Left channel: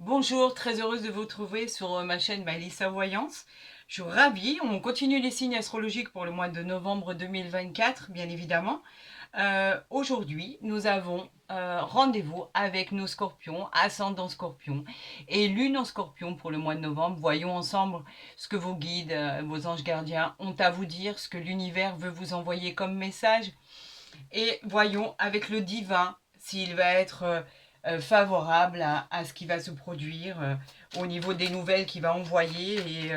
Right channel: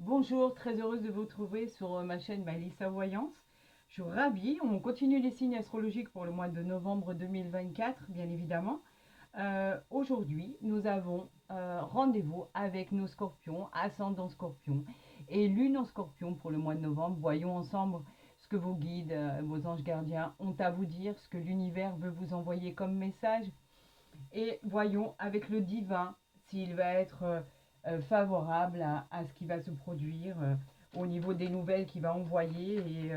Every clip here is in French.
Bonjour, très heureuse de vous retrouver sur ma chaîne Mélissa Voyance. Je suis ravie, on continue les signes astrologiques pour le mois de novembre 2024, bien évidemment. Aujourd'hui, nous avons rendez-vous avec nos scorpions, ascendant scorpion et lune en scorpion pour le mois de novembre. Voyons ensemble ce que vos guides, vos anges gardiens ont à vous dire, ce que l'univers veut vous envoyer comme message. Et voyons avec le divin s'il va être favorable à ce qui va se produire au niveau des nouvelles qu'il va envoyer. Et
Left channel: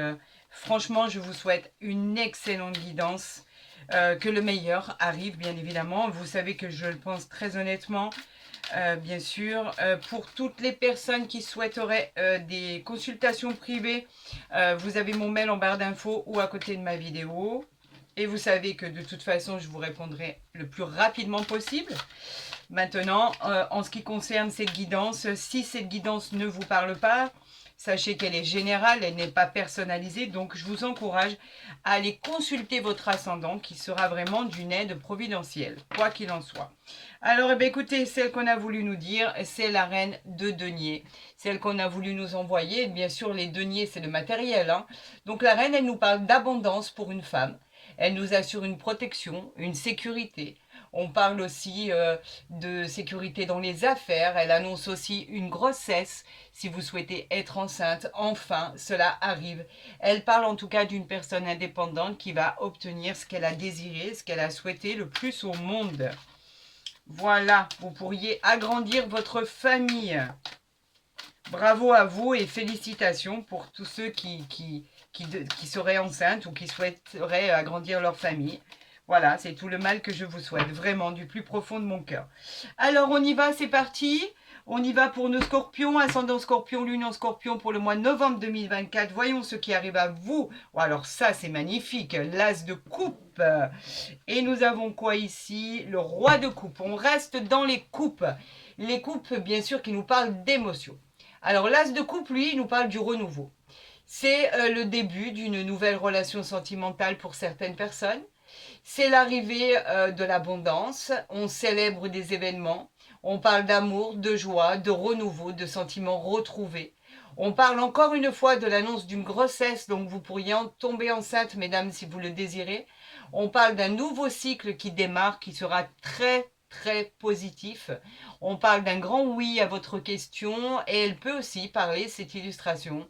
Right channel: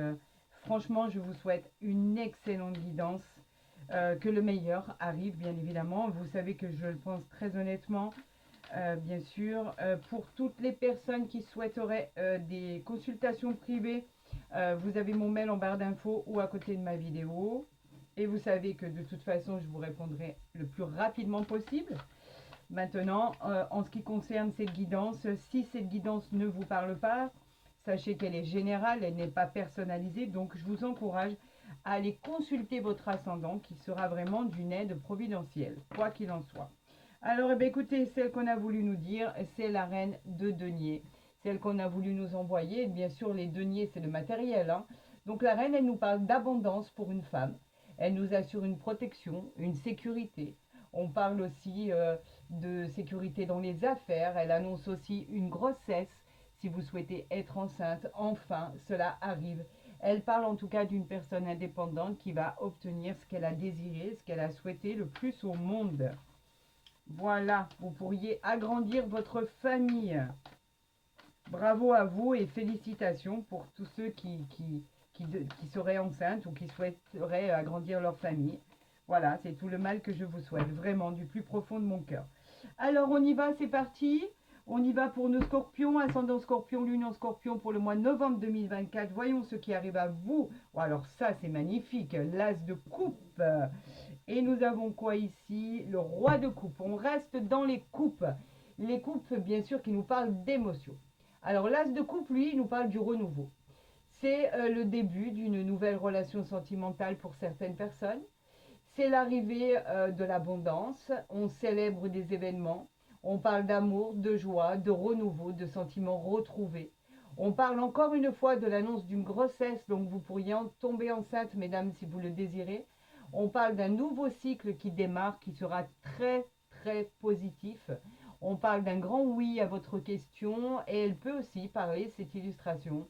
franchement, je vous souhaite une excellente guidance. Que le meilleur arrive, bien évidemment. Vous savez que je le pense très honnêtement. Bien sûr, pour toutes les personnes qui souhaiteraient des consultations privées, vous avez mon mail en barre d'infos ou à côté de ma vidéo. Et vous savez que de toute façon, je vous répondrai le plus rapidement possible. Maintenant, en ce qui concerne cette guidance, si cette guidance ne vous parle pas, sachez qu'elle est générale, elle n'est pas personnalisée. Donc, je vous encourage à aller consulter votre ascendant qui sera vraiment d'une aide providentielle, quoi qu'il en soit. Alors, eh bien, écoutez, celle qu'on a voulu nous dire, c'est la reine de denier. Celle qu'on a voulu nous envoyer, bien sûr, les deniers, c'est le matériel. Hein. Donc, la reine, elle nous parle d'abondance pour une femme. Elle nous assure une protection, une sécurité. On parle aussi de sécurité dans les affaires. Elle annonce aussi une grossesse. Si vous souhaitez être enceinte, enfin, cela arrive. Elle parle en tout cas d'une personne indépendante qui va obtenir ce qu'elle a désiré, ce qu'elle a souhaité le plus au monde. Voilà, vous pourriez agrandir votre famille. Bravo à vous et félicitations pour tous ceux qui seraient enceintes ou qui souhaiteraient agrandir leur famille. Voilà, c'est tout le mal que je vous souhaite, vraiment, du plus profond de mon cœur. Alors, on y va, c'est parti. On y va pour nos scorpions, ascendant scorpion, lune en scorpion pour le mois de novembre 2024. Voyons ce qui arrive à vous. Oh, alors ça, c'est magnifique, l'as de coupe. Et nous avons quoi ici? Le roi de coupe. On reste dans les coupes. Les coupes, bien sûr, qui nous parlent d'émotions. Alors, l'as de coupe, lui, il nous parle du renouveau. C'est le début d'une nouvelle relation sentimentale pour certaines personnes. C'est l'arrivée de l'abondance. On célèbre des événements. On parle d'amour, de joie, de renouveau, de sentiments retrouvés. On parle encore une fois de l'annonce d'une grossesse, donc vous pourriez tomber enceinte, mesdames, si vous le désirez. On parle d'un nouveau cycle qui démarre, qui sera très, très positif. On parle d'un grand oui à votre question et elle peut aussi parler, cette illustration,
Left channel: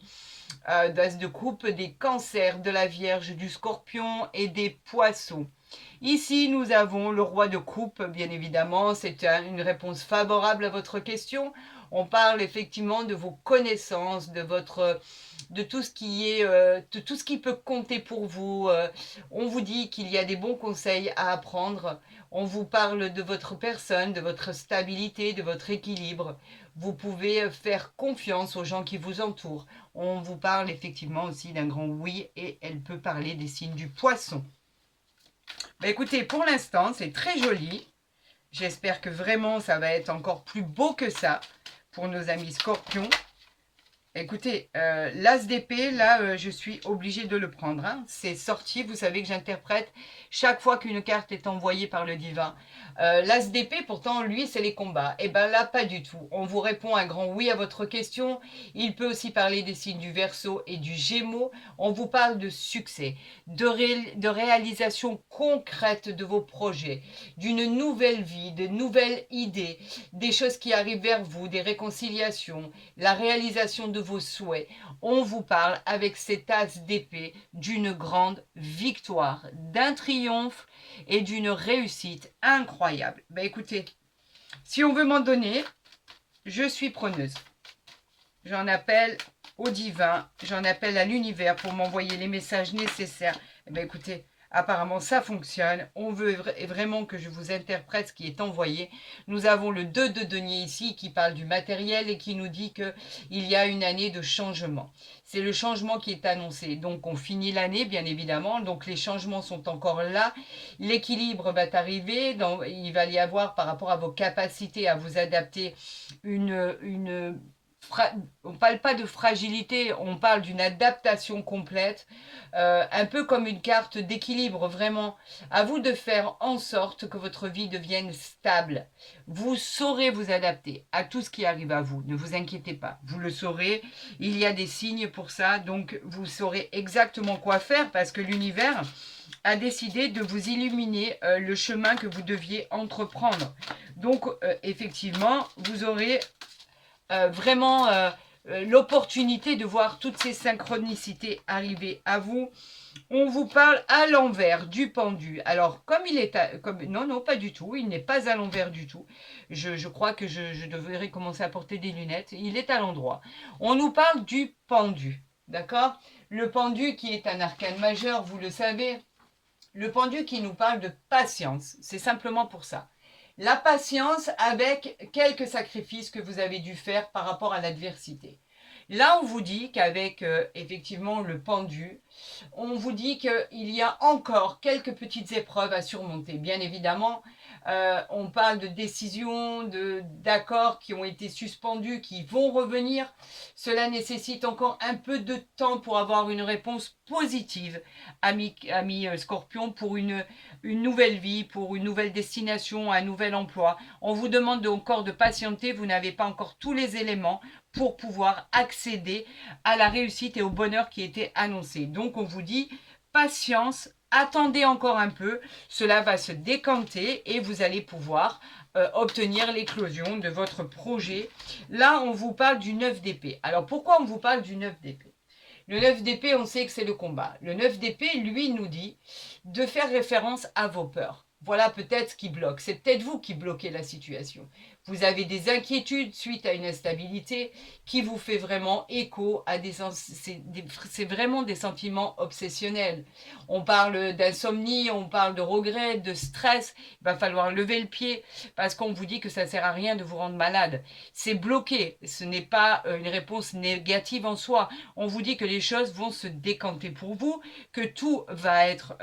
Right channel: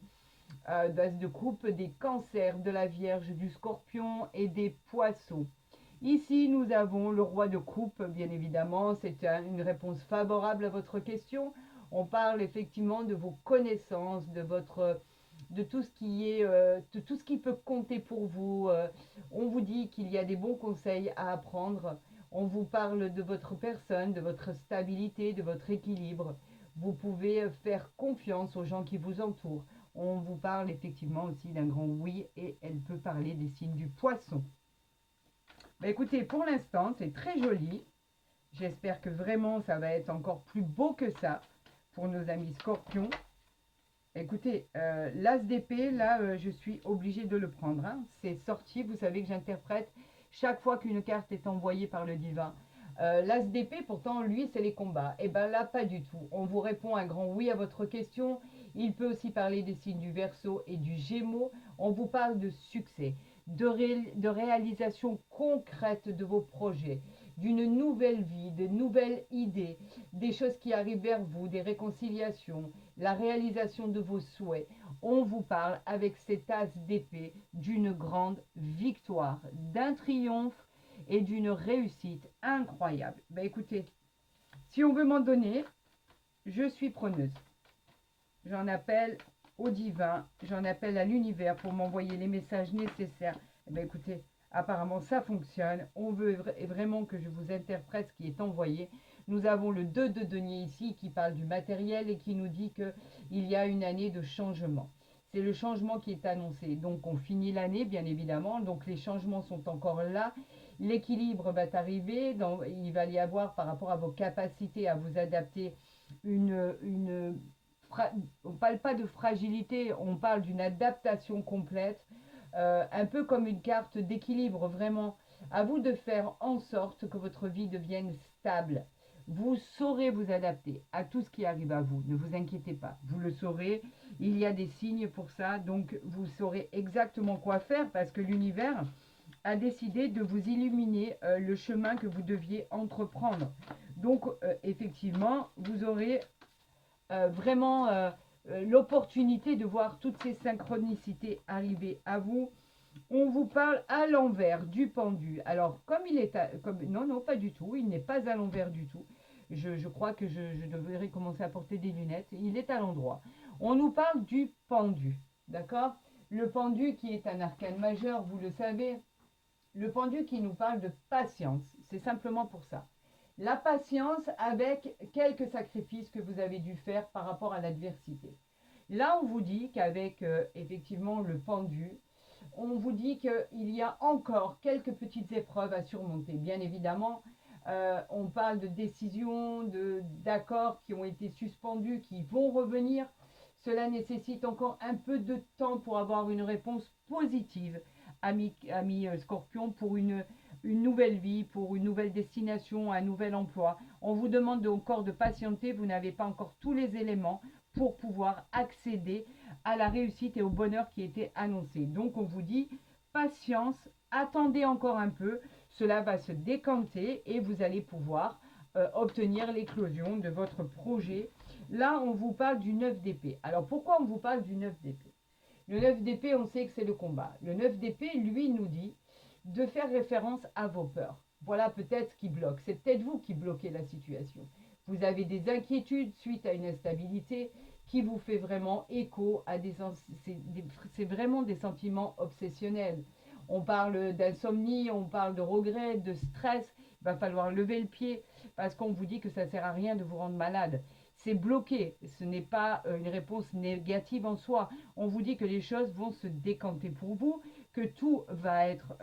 d'as de coupe, des cancers, de la Vierge, du Scorpion et des Poissons. Ici, nous avons le roi de coupe, bien évidemment. C'est une réponse favorable à votre question. On parle effectivement de vos connaissances, de tout ce qui est, de tout ce qui peut compter pour vous. On vous dit qu'il y a des bons conseils à apprendre. On vous parle de votre personne, de votre stabilité, de votre équilibre. Vous pouvez faire confiance aux gens qui vous entourent. On vous parle effectivement aussi d'un grand oui et elle peut parler des signes du poisson. Bah écoutez, pour l'instant, c'est très joli. J'espère que vraiment, ça va être encore plus beau que ça pour nos amis scorpions. Écoutez, l'as d'épée, là, je suis obligée de le prendre. Hein. C'est sorti, vous savez que j'interprète chaque fois qu'une carte est envoyée par le divin. L'as d'épée, pourtant, lui, c'est les combats. Et bien là, pas du tout. On vous répond un grand oui à votre question. Il peut aussi parler des signes du Verseau et du Gémeaux. On vous parle de succès, de réalisation concrète de vos projets, d'une nouvelle vie, de nouvelles idées, des choses qui arrivent vers vous, des réconciliations, la réalisation de vos souhaits. On vous parle avec cet as d'épée d'une grande victoire, d'un triomphe et d'une réussite incroyable. Ben écoutez, si on veut m'en donner, je suis preneuse. J'en appelle au divin, j'en appelle à l'univers pour m'envoyer les messages nécessaires. Ben écoutez, apparemment ça fonctionne. On veut vraiment que je vous interprète ce qui est envoyé. Nous avons le 2 de denier ici qui parle du matériel et qui nous dit qu'il y a une année de changement. C'est le changement qui est annoncé. Donc on finit l'année bien évidemment. Donc les changements sont encore là. L'équilibre va arriver. Il va y avoir par rapport à vos capacités à vous adapter une on parle pas de fragilité, on parle d'une adaptation complète, un peu comme une carte d'équilibre, vraiment. À vous de faire en sorte que votre vie devienne stable. Vous saurez vous adapter à tout ce qui arrive à vous, ne vous inquiétez pas. Vous le saurez, il y a des signes pour ça, donc vous saurez exactement quoi faire parce que l'univers a décidé de vous illuminer le chemin que vous deviez entreprendre. Donc, effectivement, vous aurez vraiment l'opportunité de voir toutes ces synchronicités arriver à vous. On vous parle à l'envers du pendu. Alors, comme il est... non, non, pas du tout. Il n'est pas à l'envers du tout. Je crois que je devrais commencer à porter des lunettes. Il est à l'endroit. On nous parle du pendu. D'accord? Le pendu qui est un arcane majeur, vous le savez. Le pendu qui nous parle de patience. C'est simplement pour ça. La patience avec quelques sacrifices que vous avez dû faire par rapport à l'adversité. Là, on vous dit qu'avec effectivement le pendu, on vous dit qu'il y a encore quelques petites épreuves à surmonter. Bien évidemment, on parle de décisions, d'accords qui ont été suspendus, qui vont revenir. Cela nécessite encore un peu de temps pour avoir une réponse positive, ami Scorpion, pour une nouvelle vie, pour une nouvelle destination, un nouvel emploi. On vous demande encore de patienter, vous n'avez pas encore tous les éléments pour pouvoir accéder à la réussite et au bonheur qui était annoncé. Donc on vous dit patience, attendez encore un peu, cela va se décanter et vous allez pouvoir obtenir l'éclosion de votre projet. Là, on vous parle du 9 d'épée. Alors pourquoi on vous parle du 9 d'épée? Le 9 d'épée, on sait que c'est le combat. Le 9 d'épée, lui, nous dit de faire référence à vos peurs. Voilà peut-être ce qui bloque. C'est peut-être vous qui bloquez la situation. Vous avez des inquiétudes suite à une instabilité qui vous fait vraiment écho à c'est vraiment des sentiments obsessionnels. On parle d'insomnie, on parle de regret, de stress. Il va falloir lever le pied parce qu'on vous dit que ça ne sert à rien de vous rendre malade. C'est bloqué. Ce n'est pas une réponse négative en soi. On vous dit que les choses vont se décanter pour vous, que tout va être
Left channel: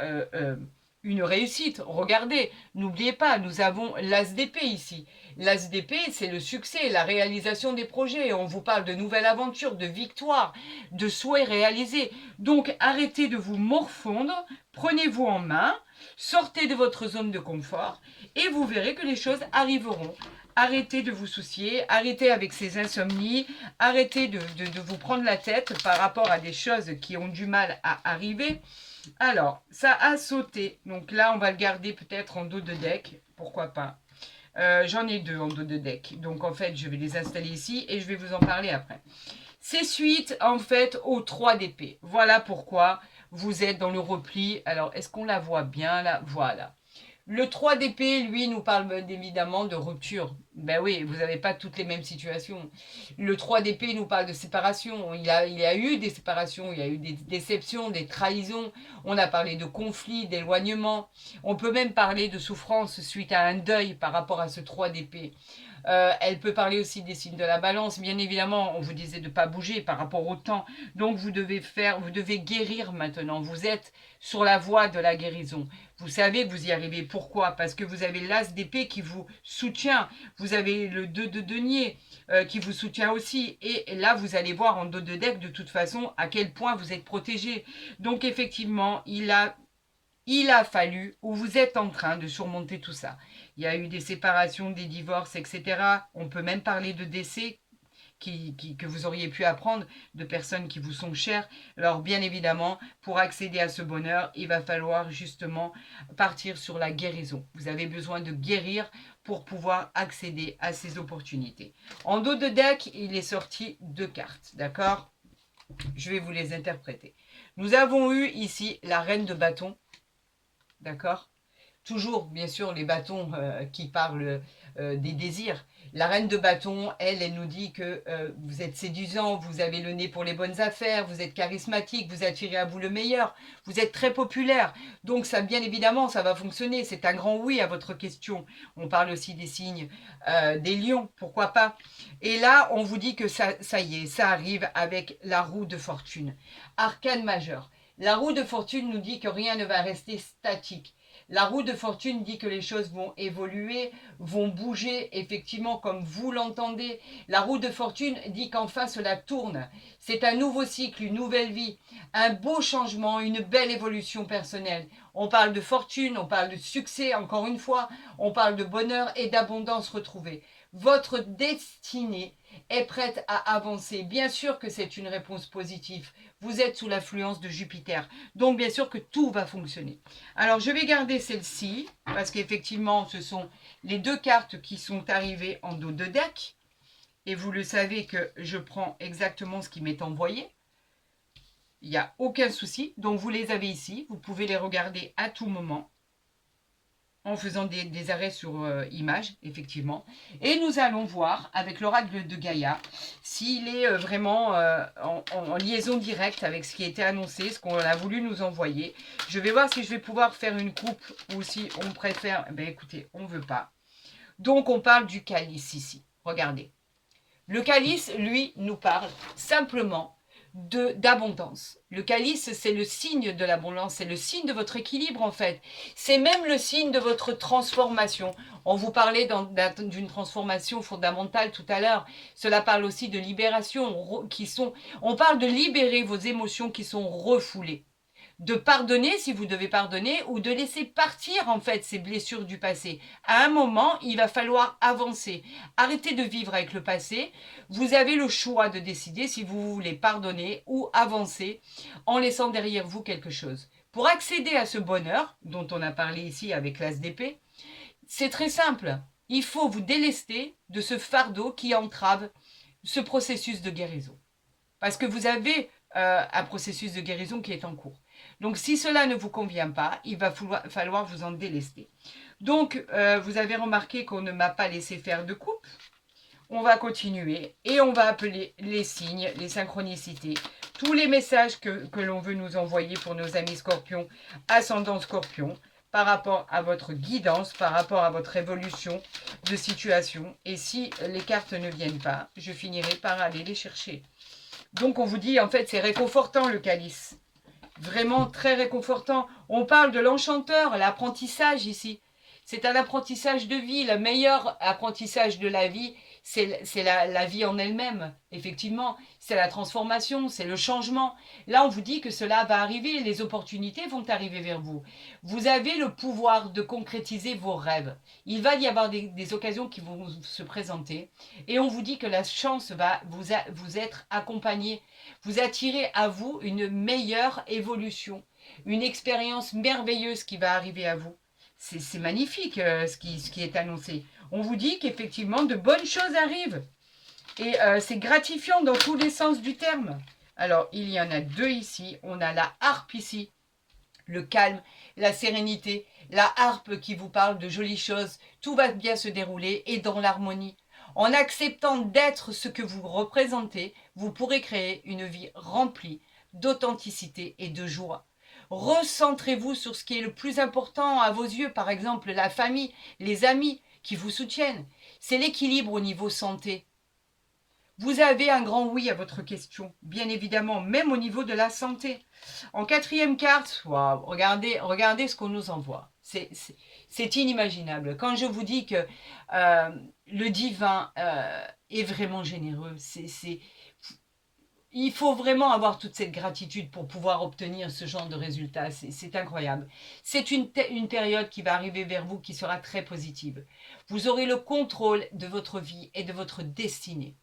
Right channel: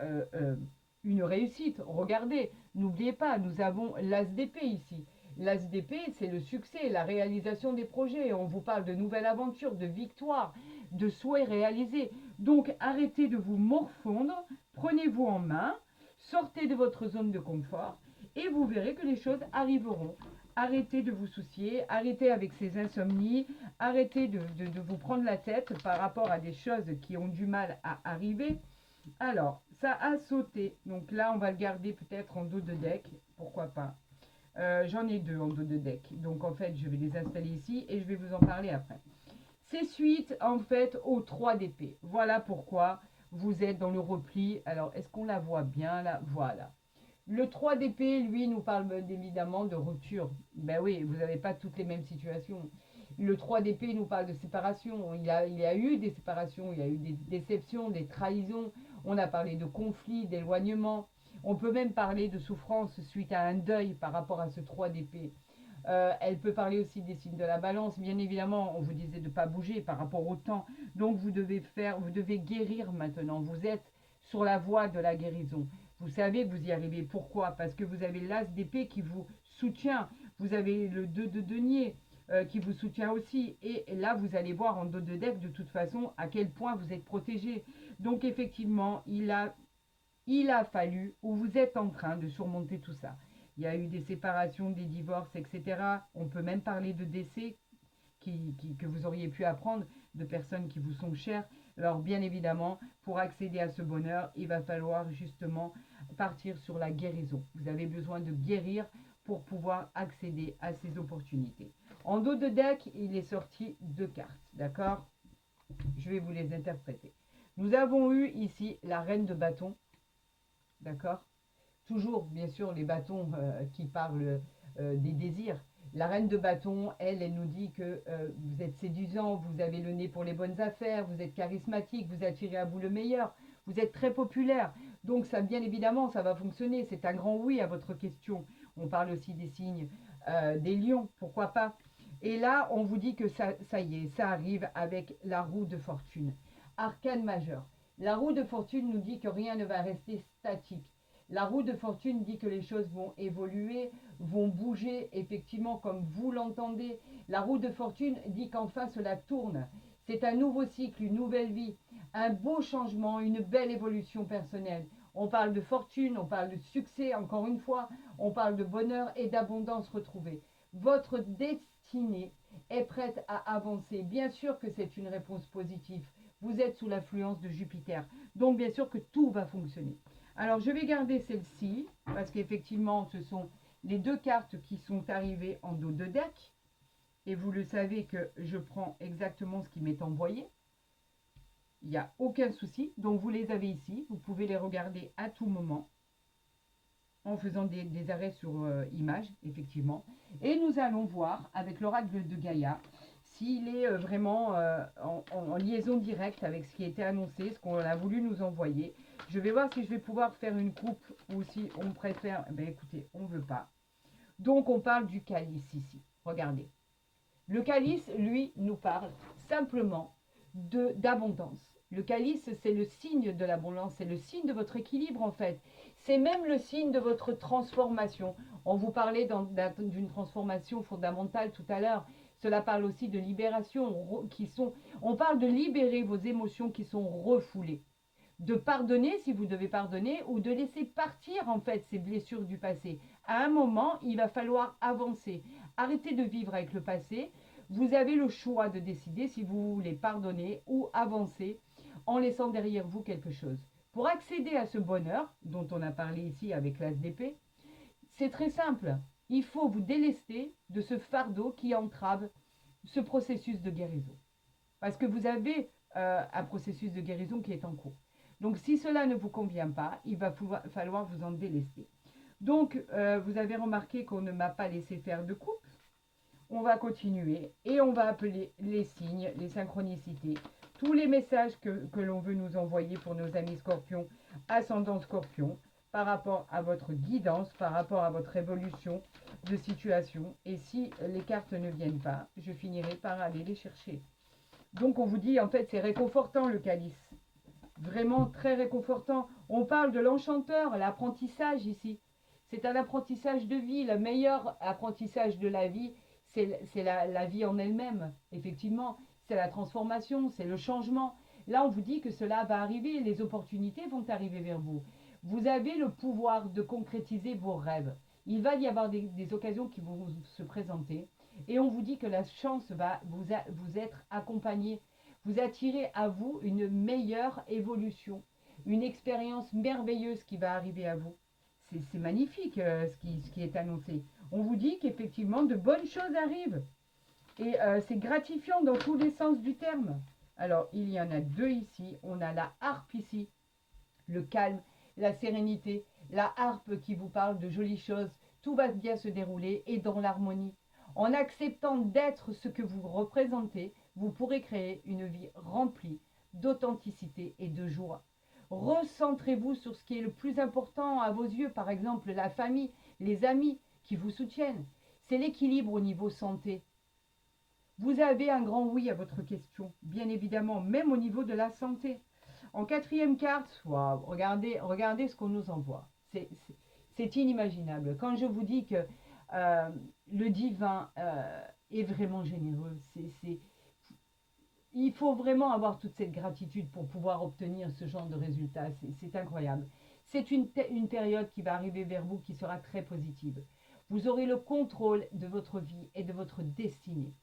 une réussite. Regardez, n'oubliez pas, nous avons l'as d'épée ici. L'as d'épée, c'est le succès, la réalisation des projets. On vous parle de nouvelles aventures, de victoires, de souhaits réalisés. Donc, arrêtez de vous morfondre, prenez-vous en main, sortez de votre zone de confort et vous verrez que les choses arriveront. Arrêtez de vous soucier, arrêtez avec ces insomnies, arrêtez de vous prendre la tête par rapport à des choses qui ont du mal à arriver. Alors, ça a sauté. Donc là, on va le garder peut-être en dos de deck. Pourquoi pas. J'en ai deux en dos de deck. Donc en fait, je vais les installer ici et je vais vous en parler après. C'est suite en fait aux 3 d'épée. Voilà pourquoi vous êtes dans le repli. Alors, est-ce qu'on la voit bien là? Voilà. Le 3 d'épée, lui, nous parle évidemment de rupture. Ben oui, vous n'avez pas toutes les mêmes situations. Le 3 d'épée nous parle de séparation. Il y a eu des séparations, il y a eu des déceptions, des trahisons. On a parlé de conflits, d'éloignement. On peut même parler de souffrance suite à un deuil par rapport à ce 3 d'épée. Elle peut parler aussi des signes de la balance. Bien évidemment, on vous disait de ne pas bouger par rapport au temps. Donc, vous devez guérir maintenant. Vous êtes sur la voie de la guérison. Vous savez que vous y arrivez. Pourquoi? Parce que vous avez l'as d'épée qui vous soutient. Vous avez le 2 de denier qui vous soutient aussi. Et là, vous allez voir en dos de deck, de toute façon, à quel point vous êtes protégé. Donc, effectivement, il a fallu, ou vous êtes en train de surmonter tout ça. Il y a eu des séparations, des divorces, etc. On peut même parler de décès que vous auriez pu apprendre de personnes qui vous sont chères. Alors bien évidemment, pour accéder à ce bonheur, il va falloir justement partir sur la guérison. Vous avez besoin de guérir pour pouvoir accéder à ces opportunités. En dos de deck, il est sorti 2 cartes, d'accord? Je vais vous les interpréter. Nous avons eu ici la reine de bâton, d'accord? Toujours, bien sûr, les bâtons qui parlent des désirs. La reine de bâton, elle nous dit que vous êtes séduisant, vous avez le nez pour les bonnes affaires, vous êtes charismatique, vous attirez à vous le meilleur, vous êtes très populaire. Donc ça, bien évidemment, ça va fonctionner. C'est un grand oui à votre question. On parle aussi des signes des lions, pourquoi pas. Et là, on vous dit que ça y est, ça arrive avec la roue de fortune. Arcane majeur. La roue de fortune nous dit que rien ne va rester statique. La roue de fortune dit que les choses vont évoluer, vont bouger, effectivement, comme vous l'entendez. La roue de fortune dit qu'enfin cela tourne. C'est un nouveau cycle, une nouvelle vie, un beau changement, une belle évolution personnelle. On parle de fortune, on parle de succès, encore une fois, on parle de bonheur et d'abondance retrouvée. Votre destinée est prête à avancer. Bien sûr que c'est une réponse positive. Vous êtes sous l'influence de Jupiter. Donc, bien sûr que tout va fonctionner. Alors, je vais garder celle-ci, parce qu'effectivement, ce sont les deux cartes qui sont arrivées en dos de deck. Et vous le savez que je prends exactement ce qui m'est envoyé. Il n'y a aucun souci. Donc, vous les avez ici. Vous pouvez les regarder à tout moment en faisant des arrêts sur image, effectivement. Et nous allons voir avec l'oracle de Gaïa s'il est vraiment en liaison directe avec ce qui a été annoncé, ce qu'on a voulu nous envoyer. Je vais voir si je vais pouvoir faire une coupe ou si on préfère... Ben écoutez, on ne veut pas. Donc, on parle du calice ici. Regardez. Le calice, lui, nous parle simplement d'abondance. Le calice, c'est le signe de l'abondance, c'est le signe de votre équilibre en fait. C'est même le signe de votre transformation. On vous parlait d'une transformation fondamentale tout à l'heure. Cela parle aussi de libération. On parle de libérer vos émotions qui sont refoulées. De pardonner si vous devez pardonner ou de laisser partir en fait ces blessures du passé. À un moment, il va falloir avancer. Arrêtez de vivre avec le passé. Vous avez le choix de décider si vous voulez pardonner ou avancer en laissant derrière vous quelque chose. Pour accéder à ce bonheur dont on a parlé ici avec l'as d'épée, c'est très simple. Il faut vous délester de ce fardeau qui entrave ce processus de guérison. Parce que vous avez un processus de guérison qui est en cours. Donc, si cela ne vous convient pas, il va falloir vous en délester. Donc, vous avez remarqué qu'on ne m'a pas laissé faire de coupe. On va continuer et on va appeler les signes, les synchronicités, tous les messages que l'on veut nous envoyer pour nos amis scorpions, ascendant scorpion, par rapport à votre guidance, par rapport à votre évolution de situation. Et si les cartes ne viennent pas, je finirai par aller les chercher. Donc, on vous dit, en fait, c'est réconfortant le calice. Vraiment très réconfortant. On parle de l'enchanteur, l'apprentissage ici. C'est un apprentissage de vie. Le meilleur apprentissage de la vie, c'est la vie en elle-même, effectivement. C'est la transformation, c'est le changement. Là, on vous dit que cela va arriver. Les opportunités vont arriver vers vous. Vous avez le pouvoir de concrétiser vos rêves. Il va y avoir des occasions qui vont se présenter. Et on vous dit que la chance va vous être accompagnée. Vous attirez à vous une meilleure évolution, une expérience merveilleuse qui va arriver à vous. C'est magnifique ce qui est annoncé. On vous dit qu'effectivement de bonnes choses arrivent. Et c'est gratifiant dans tous les sens du terme. Alors, il y en a deux ici. On a la harpe ici, le calme, la sérénité. La harpe qui vous parle de jolies choses. Tout va bien se dérouler et dans l'harmonie. En acceptant d'être ce que vous représentez, vous pourrez créer une vie remplie d'authenticité et de joie. Recentrez-vous sur ce qui est le plus important à vos yeux, par exemple la famille, les amis qui vous soutiennent. C'est l'équilibre au niveau santé. Vous avez un grand oui à votre question, bien évidemment, même au niveau de la santé. En quatrième carte, wow, regardez ce qu'on nous envoie. C'est inimaginable. Quand je vous dis que le divin est vraiment généreux, il faut vraiment avoir toute cette gratitude pour pouvoir obtenir ce genre de résultats. C'est incroyable. C'est une période qui va arriver vers vous qui sera très positive. Vous aurez le contrôle de votre vie et de votre destinée.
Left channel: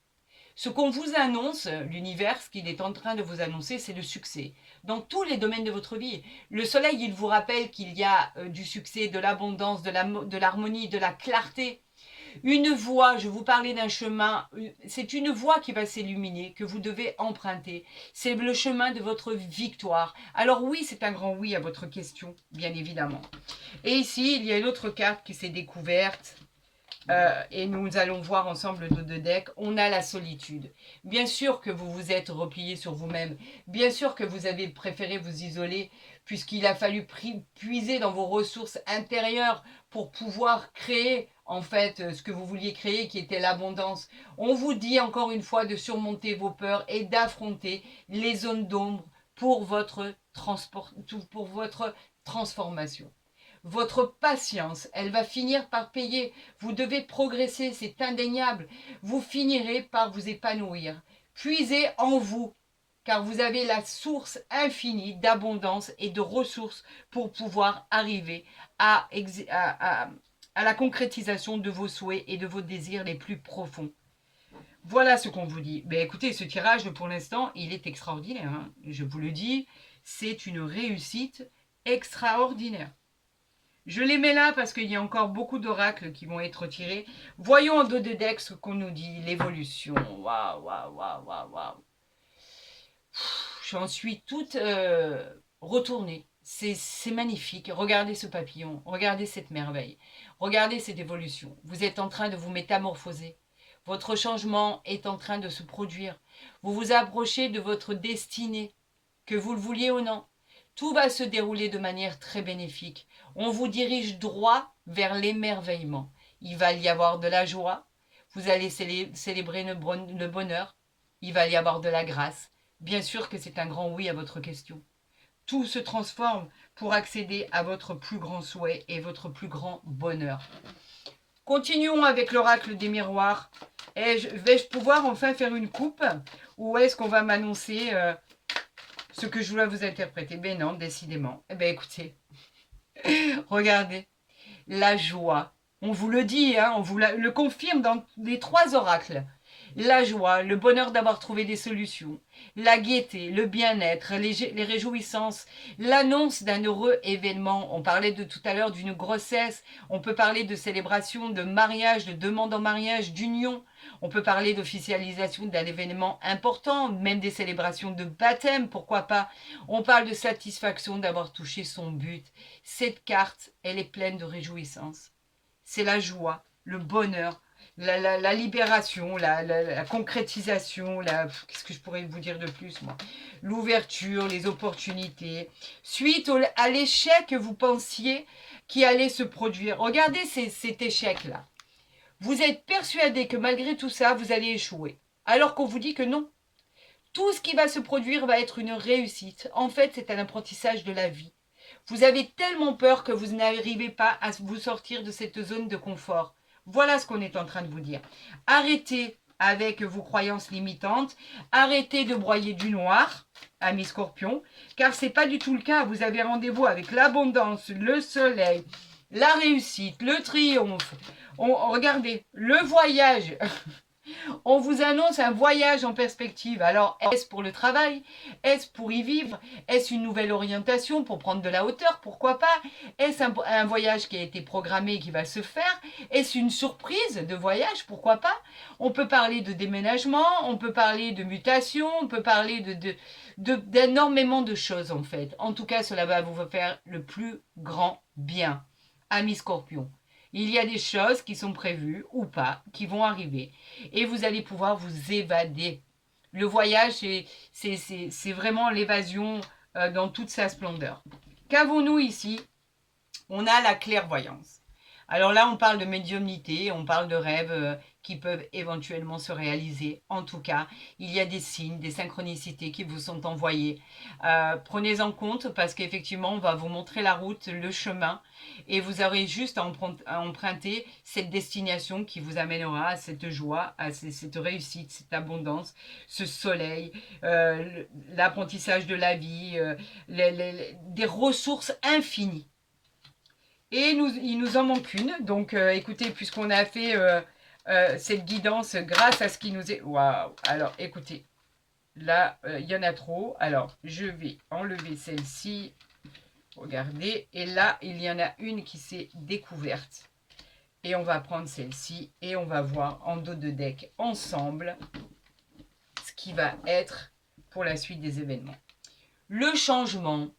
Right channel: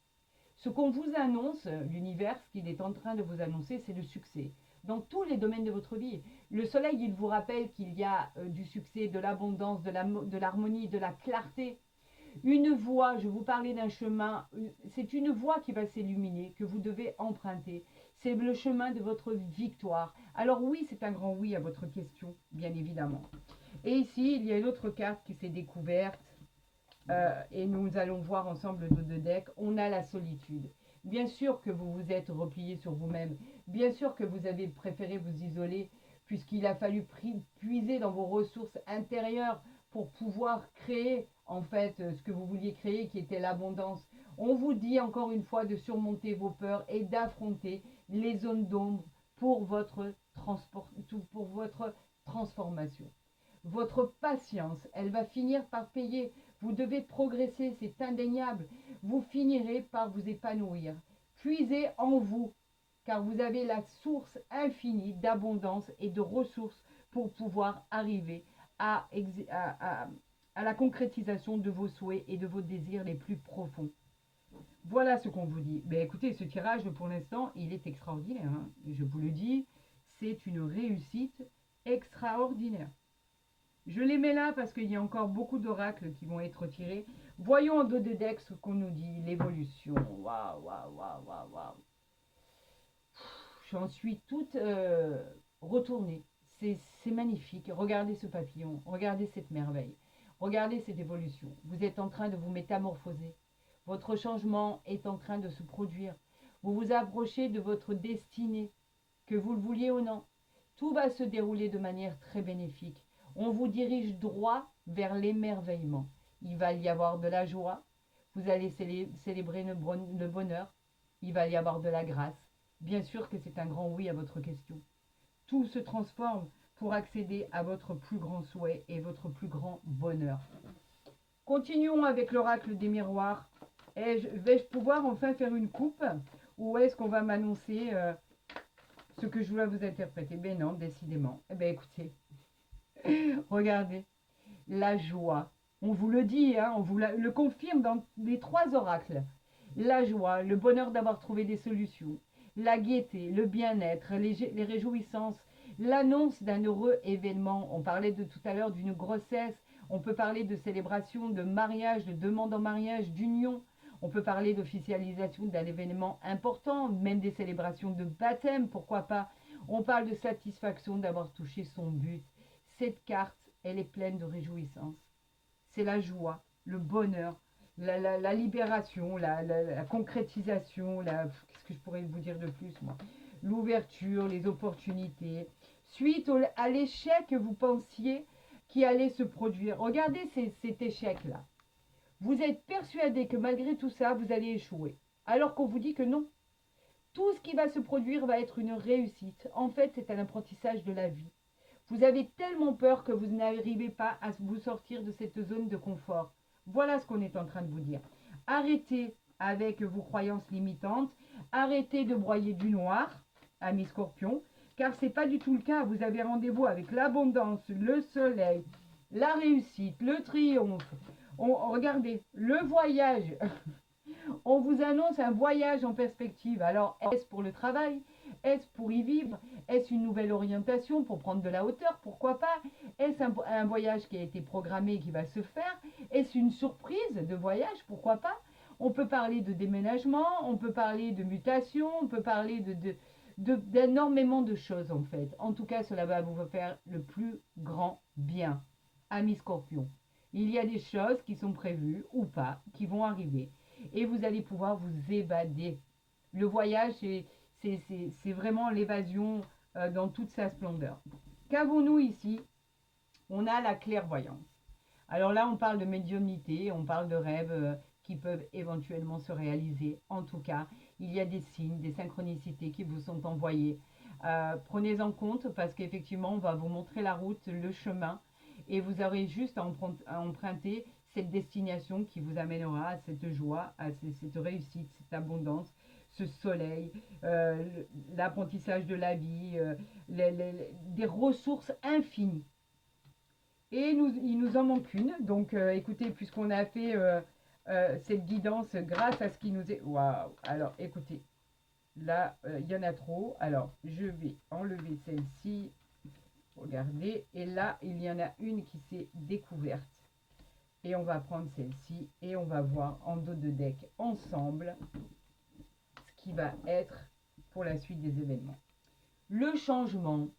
Ce qu'on vous annonce, l'univers, ce qu'il est en train de vous annoncer, c'est le succès. Dans tous les domaines de votre vie. Le soleil, il vous rappelle qu'il y a du succès, de l'abondance, de l'harmonie, de la clarté. Une voie, je vous parlais d'un chemin, c'est une voie qui va s'illuminer, que vous devez emprunter. C'est le chemin de votre victoire. Alors oui, c'est un grand oui à votre question, bien évidemment. Et ici, il y a une autre carte qui s'est découverte. Et nous allons voir ensemble nos deux decks. On a la solitude. Bien sûr que vous vous êtes replié sur vous-même. Bien sûr que vous avez préféré vous isoler puisqu'il a fallu puiser dans vos ressources intérieures pour pouvoir créer en fait ce que vous vouliez créer qui était l'abondance. On vous dit encore une fois de surmonter vos peurs et d'affronter les zones d'ombre pour votre transformation. votre patience, elle va finir par payer. Vous devez progresser, c'est indéniable. Vous finirez par vous épanouir. Puisez en vous, car vous avez la source infinie d'abondance et de ressources pour pouvoir arriver à, à la concrétisation de vos souhaits et de vos désirs les plus profonds. Voilà ce qu'on vous dit. Mais écoutez, ce tirage, pour l'instant, il est extraordinaire, hein. Je vous le dis, c'est une réussite extraordinaire. Je les mets là parce qu'il y a encore beaucoup d'oracles qui vont être tirés. Voyons en dos de deck ce qu'on nous dit. L'évolution. Waouh, waouh, waouh, waouh, waouh. J'en suis toute retournée. C'est magnifique. Regardez ce papillon. Regardez cette merveille. Regardez cette évolution. Vous êtes en train de vous métamorphoser. Votre changement est en train de se produire. Vous vous approchez de votre destinée, que vous le vouliez ou non. Tout va se dérouler de manière très bénéfique. On vous dirige droit vers l'émerveillement. Il va y avoir de la joie. Vous allez célébrer le bonheur. Il va y avoir de la grâce. Bien sûr que c'est un grand oui à votre question. Tout se transforme pour accéder à votre plus grand souhait et votre plus grand bonheur. Continuons avec l'oracle des miroirs. Vais-je pouvoir enfin faire une coupe ou est-ce qu'on va m'annoncer ce que je dois vous interpréter? Ben non, décidément. Eh bien écoutez, regardez, la joie. On vous le dit, hein, on vous le confirme dans les 3 oracles. La joie, le bonheur d'avoir trouvé des solutions, la gaieté, le bien-être, les réjouissances, l'annonce d'un heureux événement. On parlait de tout à l'heure d'une grossesse, on peut parler de célébration, de mariage, de demande en mariage, d'union. On peut parler d'officialisation d'un événement important, même des célébrations de baptême, pourquoi pas. On parle de satisfaction d'avoir touché son but. Cette carte, elle est pleine de réjouissance. C'est la joie, le bonheur, la libération, la concrétisation, qu'est-ce que je pourrais vous dire de plus, moi? L'ouverture, les opportunités. Suite à l'échec que vous pensiez qui allait se produire. Regardez cet échec-là. Vous êtes persuadé que malgré tout ça, vous allez échouer. Alors qu'on vous dit que non. Tout ce qui va se produire va être une réussite. En fait, c'est un apprentissage de la vie. Vous avez tellement peur que vous n'arrivez pas à vous sortir de cette zone de confort. Voilà ce qu'on est en train de vous dire. Arrêtez avec vos croyances limitantes. Arrêtez de broyer du noir, amis scorpions, car ce n'est pas du tout le cas. Vous avez rendez-vous avec l'abondance, le soleil, la réussite, le triomphe. Regardez, le voyage. On vous annonce un voyage en perspective. Alors, est-ce pour le travail? Est-ce pour y vivre? Est-ce une nouvelle orientation pour prendre de la hauteur? Pourquoi pas? Est-ce un voyage qui a été programmé et qui va se faire? Est-ce une surprise de voyage? Pourquoi pas? On peut parler de déménagement, on peut parler de mutation, on peut parler d'énormément de choses en fait. En tout cas, cela va vous faire le plus grand bien. Amis Scorpion, il y a des choses qui sont prévues ou pas, qui vont arriver. Et vous allez pouvoir vous évader. Le voyage, c'est vraiment l'évasion dans toute sa splendeur. Qu'avons-nous ici? On a la clairvoyance. Alors là, on parle de médiumnité, on parle de rêves qui peuvent éventuellement se réaliser. En tout cas, il y a des signes, des synchronicités qui vous sont envoyés. Prenez en compte parce qu'effectivement, on va vous montrer la route, le chemin, et vous aurez juste à emprunter cette destination qui vous amènera à cette joie, à cette réussite, cette abondance, ce soleil, l'apprentissage de la vie, des ressources infinies. Et il nous en manque une. Donc, écoutez, puisqu'on a fait cette guidance grâce à ce qui nous est... Waouh! Alors, écoutez, là, il y en a trop. Alors, je vais enlever celle-ci. Regardez. Et là, il y en a une qui s'est découverte. Et on va prendre celle-ci et on va voir en dos de deck ensemble ce qui va être pour la suite des événements. Le changement.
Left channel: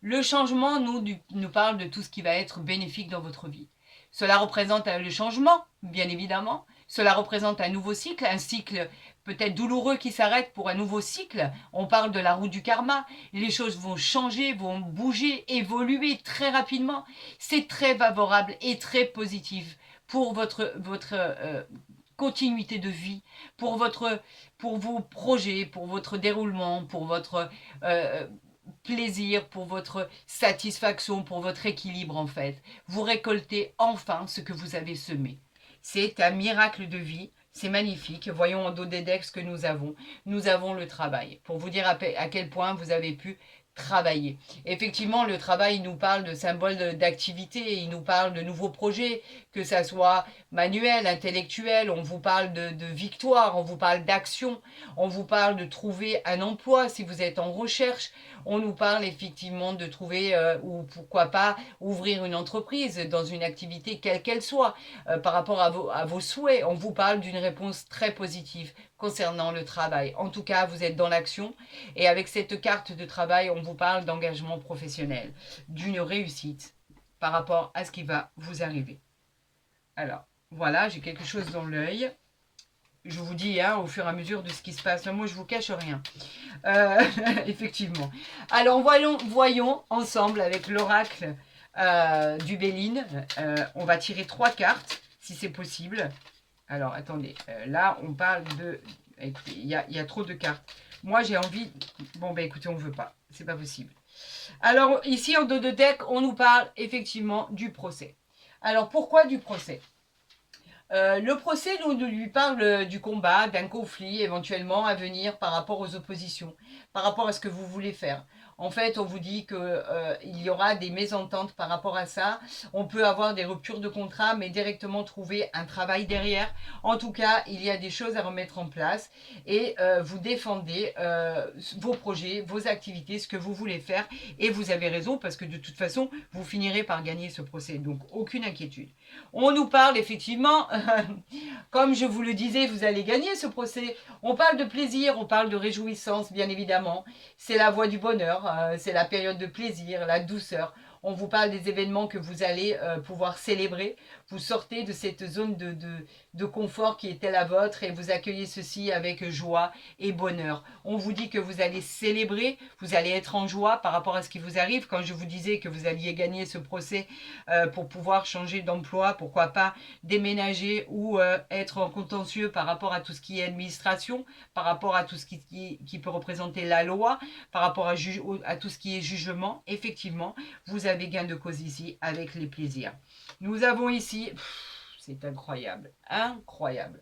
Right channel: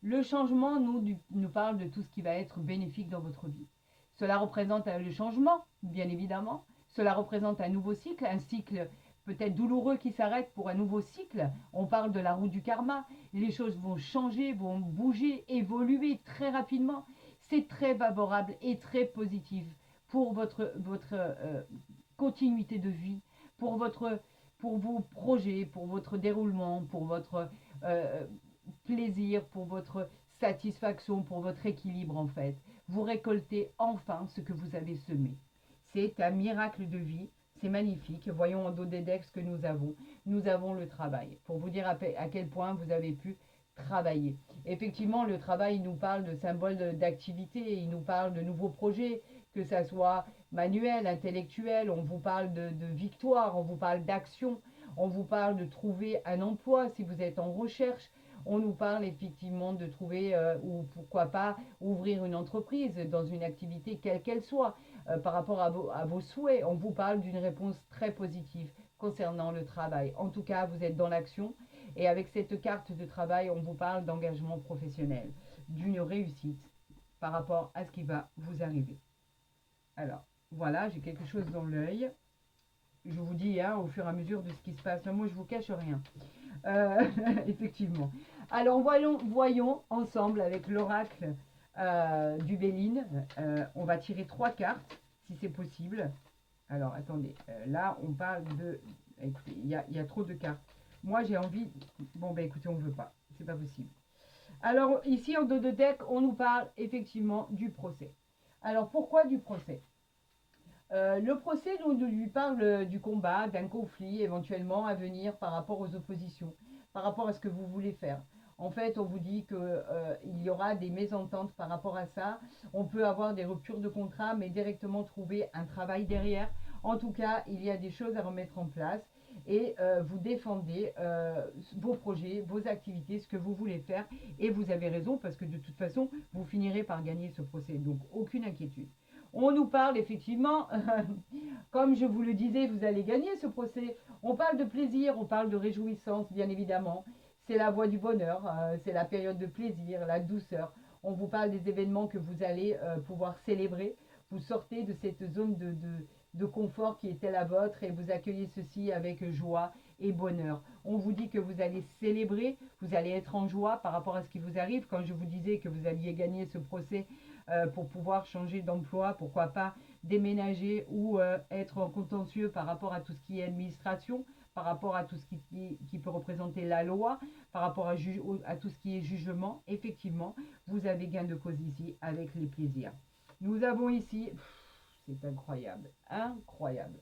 Le changement nous parle de tout ce qui va être bénéfique dans votre vie. Cela représente le changement, bien évidemment. Cela représente un nouveau cycle, un cycle peut-être douloureux qui s'arrête pour un nouveau cycle. On parle de la roue du karma. Les choses vont changer, vont bouger, évoluer très rapidement. C'est très favorable et très positif pour votre continuité de vie, pour vos projets, pour votre déroulement, pour votre plaisir, pour votre satisfaction, pour votre équilibre en fait. Vous récoltez enfin ce que vous avez semé. C'est un miracle de vie. C'est magnifique. Voyons en dos des decks ce que nous avons. Nous avons le travail. Pour vous dire à quel point vous avez pu travailler. Effectivement, le travail nous parle de symboles d'activité, il nous parle de nouveaux projets, que ça soit manuel, intellectuel, on vous parle de victoire, on vous parle d'action, on vous parle de trouver un emploi si vous êtes en recherche, on nous parle effectivement de trouver, ou pourquoi pas, ouvrir une entreprise dans une activité quelle qu'elle soit, par rapport à vos souhaits. On vous parle d'une réponse très positive concernant le travail. En tout cas, vous êtes dans l'action et avec cette carte de travail, on vous parle d'engagement professionnel, d'une réussite par rapport à ce qui va vous arriver. Alors, voilà, j'ai quelque chose dans l'œil. Je vous dis, hein, au fur et à mesure de ce qui se passe. Moi, je vous cache rien. Effectivement. Alors, voyons ensemble avec l'oracle du Béline. On va tirer 3 cartes, si c'est possible. Alors, attendez. Là, on parle de... Écoutez, il y a trop de cartes. Moi, j'ai envie... Bon, ben écoutez, on ne veut pas. C'est pas possible. Alors, ici, en dos de deck, on nous parle effectivement du procès. Alors, pourquoi du procès ? Le procès nous lui parle du combat, d'un conflit éventuellement à venir par rapport aux oppositions, par rapport à ce que vous voulez faire. En fait, on vous dit qu'il y aura des mésententes par rapport à ça. On peut avoir des ruptures de contrat, mais directement trouver un travail derrière. En tout cas, il y a des choses à remettre en place et vous défendez vos projets, vos activités, ce que vous voulez faire. Et vous avez raison parce que de toute façon, vous finirez par gagner ce procès. Donc, aucune inquiétude. On nous parle effectivement, comme je vous le disais, vous allez gagner ce procès. On parle de plaisir, on parle de réjouissance, bien évidemment. C'est la voie du bonheur, c'est la période de plaisir, la douceur. On vous parle des événements que vous allez pouvoir célébrer. Vous sortez de cette zone de confort qui était la vôtre et vous accueillez ceci avec joie et bonheur. On vous dit que vous allez célébrer, vous allez être en joie par rapport à ce qui vous arrive. Quand je vous disais que vous alliez gagner ce procès pour pouvoir changer d'emploi, pourquoi pas déménager ou être en contentieux par rapport à tout ce qui est administration, par rapport à tout ce qui peut représenter la loi, par rapport à tout ce qui est jugement, effectivement, vous avez gain de cause ici avec les plaisirs. Nous avons ici, c'est incroyable, incroyable.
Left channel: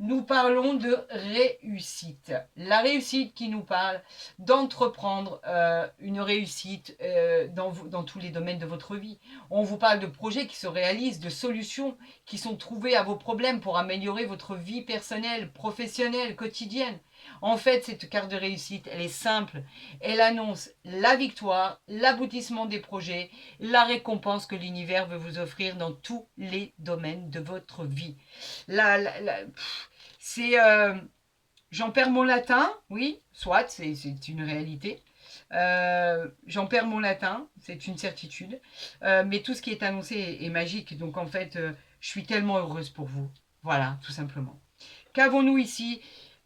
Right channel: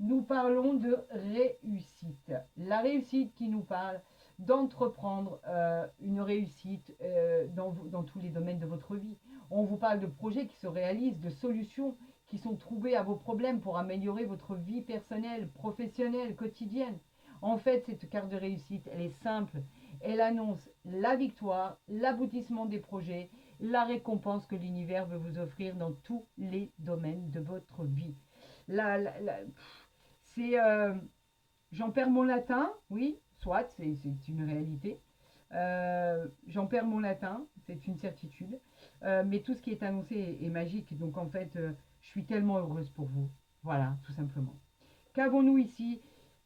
Nous parlons de réussite. La réussite qui nous parle d'entreprendre une réussite dans tous les domaines de votre vie. On vous parle de projets qui se réalisent, de solutions qui sont trouvées à vos problèmes pour améliorer votre vie personnelle, professionnelle, quotidienne. En fait, cette carte de réussite, elle est simple. Elle annonce la victoire, l'aboutissement des projets, la récompense que l'univers veut vous offrir dans tous les domaines de votre vie. C'est... j'en perds mon latin, oui, soit, c'est une réalité. J'en perds mon latin, c'est une certitude. Mais tout ce qui est annoncé est magique. Donc en fait, je suis tellement heureuse pour vous. Voilà, tout simplement. Qu'avons-nous ici ?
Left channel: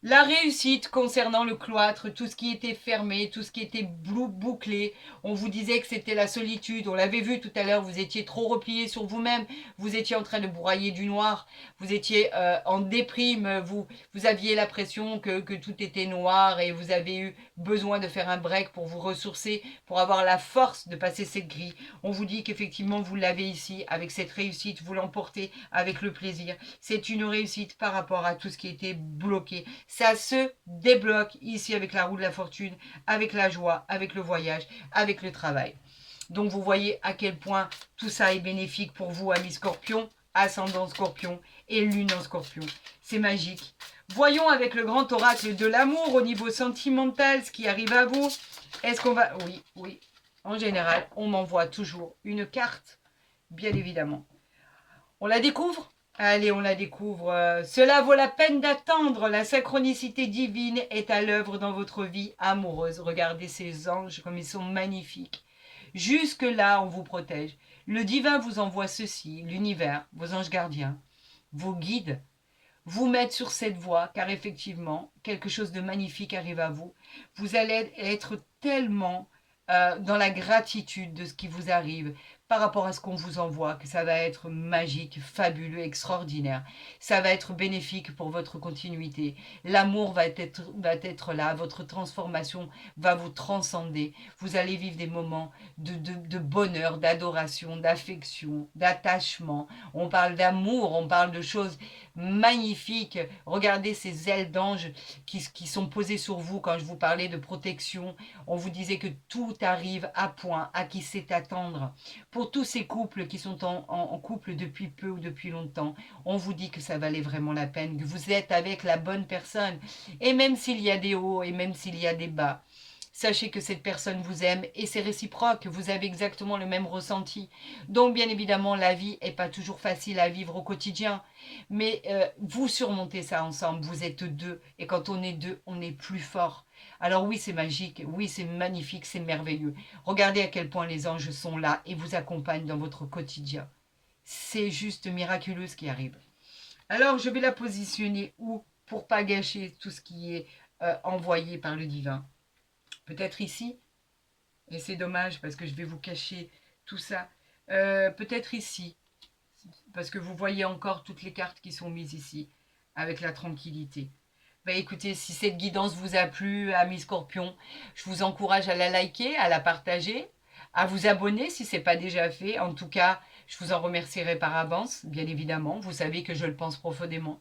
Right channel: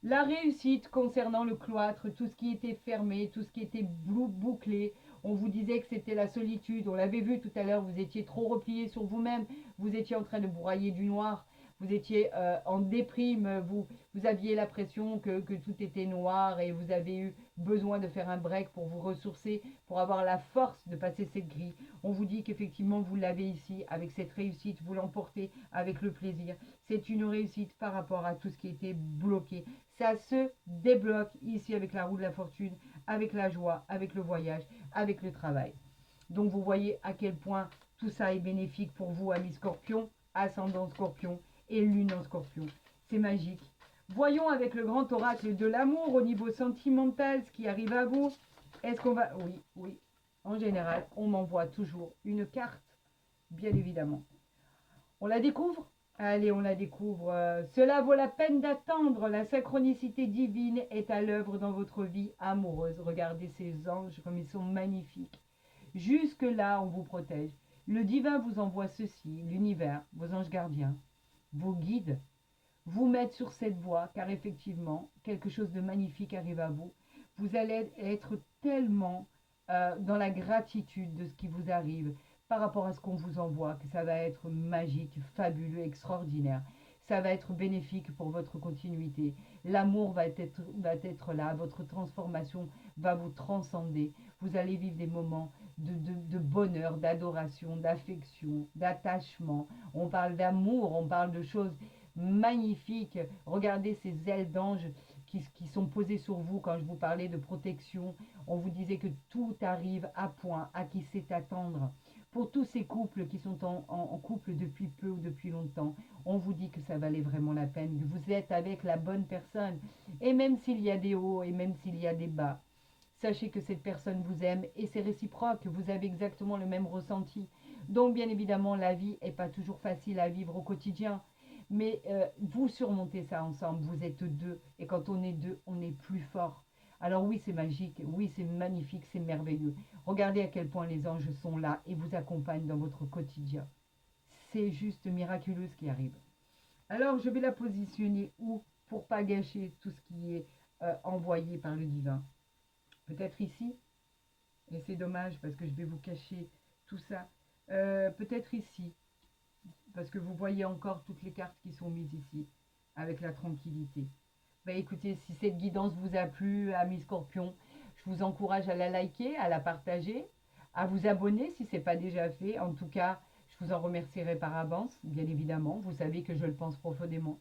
La réussite concernant le cloître, tout ce qui était fermé, tout ce qui était bouclé. On vous disait que c'était la solitude. On l'avait vu tout à l'heure, vous étiez trop replié sur vous-même. Vous étiez en train de broyer du noir. Vous étiez en déprime. Vous aviez l'impression que tout était noir et vous avez eu besoin de faire un break pour vous ressourcer, pour avoir la force de passer cette grille. On vous dit qu'effectivement, vous l'avez ici avec cette réussite. Vous l'emportez avec le plaisir. C'est une réussite par rapport à tout ce qui était bloqué. Ça se débloque ici avec la roue de la fortune, avec la joie, avec le voyage, avec le travail. Donc vous voyez à quel point tout ça est bénéfique pour vous, amis Scorpion, ascendant Scorpion et lune en Scorpion. C'est magique. Voyons avec le grand oracle de l'amour au niveau sentimental ce qui arrive à vous. Est-ce qu'on va... Oui, oui. En général, on m'envoie toujours une carte, bien évidemment. On la découvre ? Allez, on la découvre. Cela vaut la peine d'attendre. La synchronicité divine est à l'œuvre dans votre vie amoureuse. Regardez ces anges comme ils sont magnifiques. Jusque-là, on vous protège. Le divin vous envoie ceci, l'univers, vos anges gardiens, vos guides, vous mettent sur cette voie, car effectivement, quelque chose de magnifique arrive à vous. Vous allez être tellement dans la gratitude de ce qui vous arrive, par rapport à ce qu'on vous envoie, que ça va être magique, fabuleux, extraordinaire. Ça va être bénéfique pour votre continuité. L'amour va être là, votre transformation va vous transcender. Vous allez vivre des moments de bonheur, d'adoration, d'affection, d'attachement. On parle d'amour, on parle de choses magnifiques. Regardez ces ailes d'ange qui sont posées sur vous quand je vous parlais de protection. On vous disait que tout arrive à point, à qui sait attendre. Pour tous ces couples qui sont en couple depuis peu ou depuis longtemps, on vous dit que ça valait vraiment la peine, que vous êtes avec la bonne personne. Et même s'il y a des hauts et même s'il y a des bas, sachez que cette personne vous aime et c'est réciproque, vous avez exactement le même ressenti. Donc bien évidemment, la vie n'est pas toujours facile à vivre au quotidien, mais vous surmontez ça ensemble, vous êtes deux, et quand on est deux, on est plus fort. Alors oui, c'est magique, oui, c'est magnifique, c'est merveilleux. Regardez à quel point les anges sont là et vous accompagnent dans votre quotidien. C'est juste miraculeux ce qui arrive. Alors je vais la positionner où pour pas gâcher tout ce qui est envoyé par le divin. Peut-être ici, et c'est dommage parce que je vais vous cacher tout ça. Peut-être ici, parce que vous voyez encore toutes les cartes qui sont mises ici, avec la tranquillité. Bah écoutez, si cette guidance vous a plu, amis Scorpion, je vous encourage à la liker, à la partager, à vous abonner si ce n'est pas déjà fait. En tout cas, je vous en remercierai par avance, bien évidemment. Vous savez que je le pense profondément.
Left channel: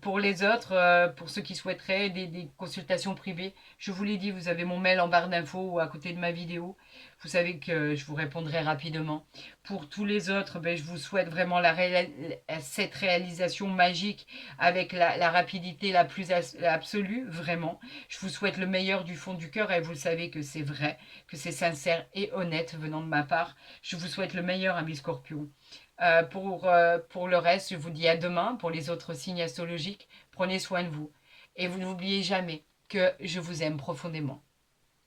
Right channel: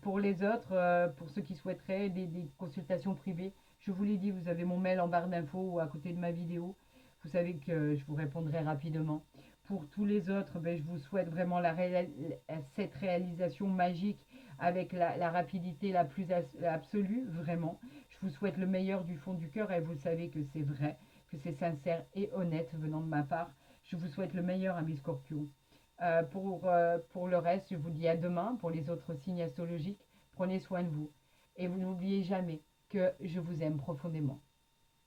Pour les autres, pour ceux qui souhaiteraient des consultations privées, je vous l'ai dit, vous avez mon mail en barre d'infos ou à côté de ma vidéo. Vous savez que je vous répondrai rapidement. Pour tous les autres, ben, je vous souhaite vraiment cette réalisation magique avec la rapidité la plus absolue, vraiment. Je vous souhaite le meilleur du fond du cœur et vous savez que c'est vrai, que c'est sincère et honnête venant de ma part. Je vous souhaite le meilleur, amis Scorpions. Pour le reste, je vous dis à demain pour les autres signes astrologiques. Prenez soin de vous. Et vous n'oubliez jamais que je vous aime profondément.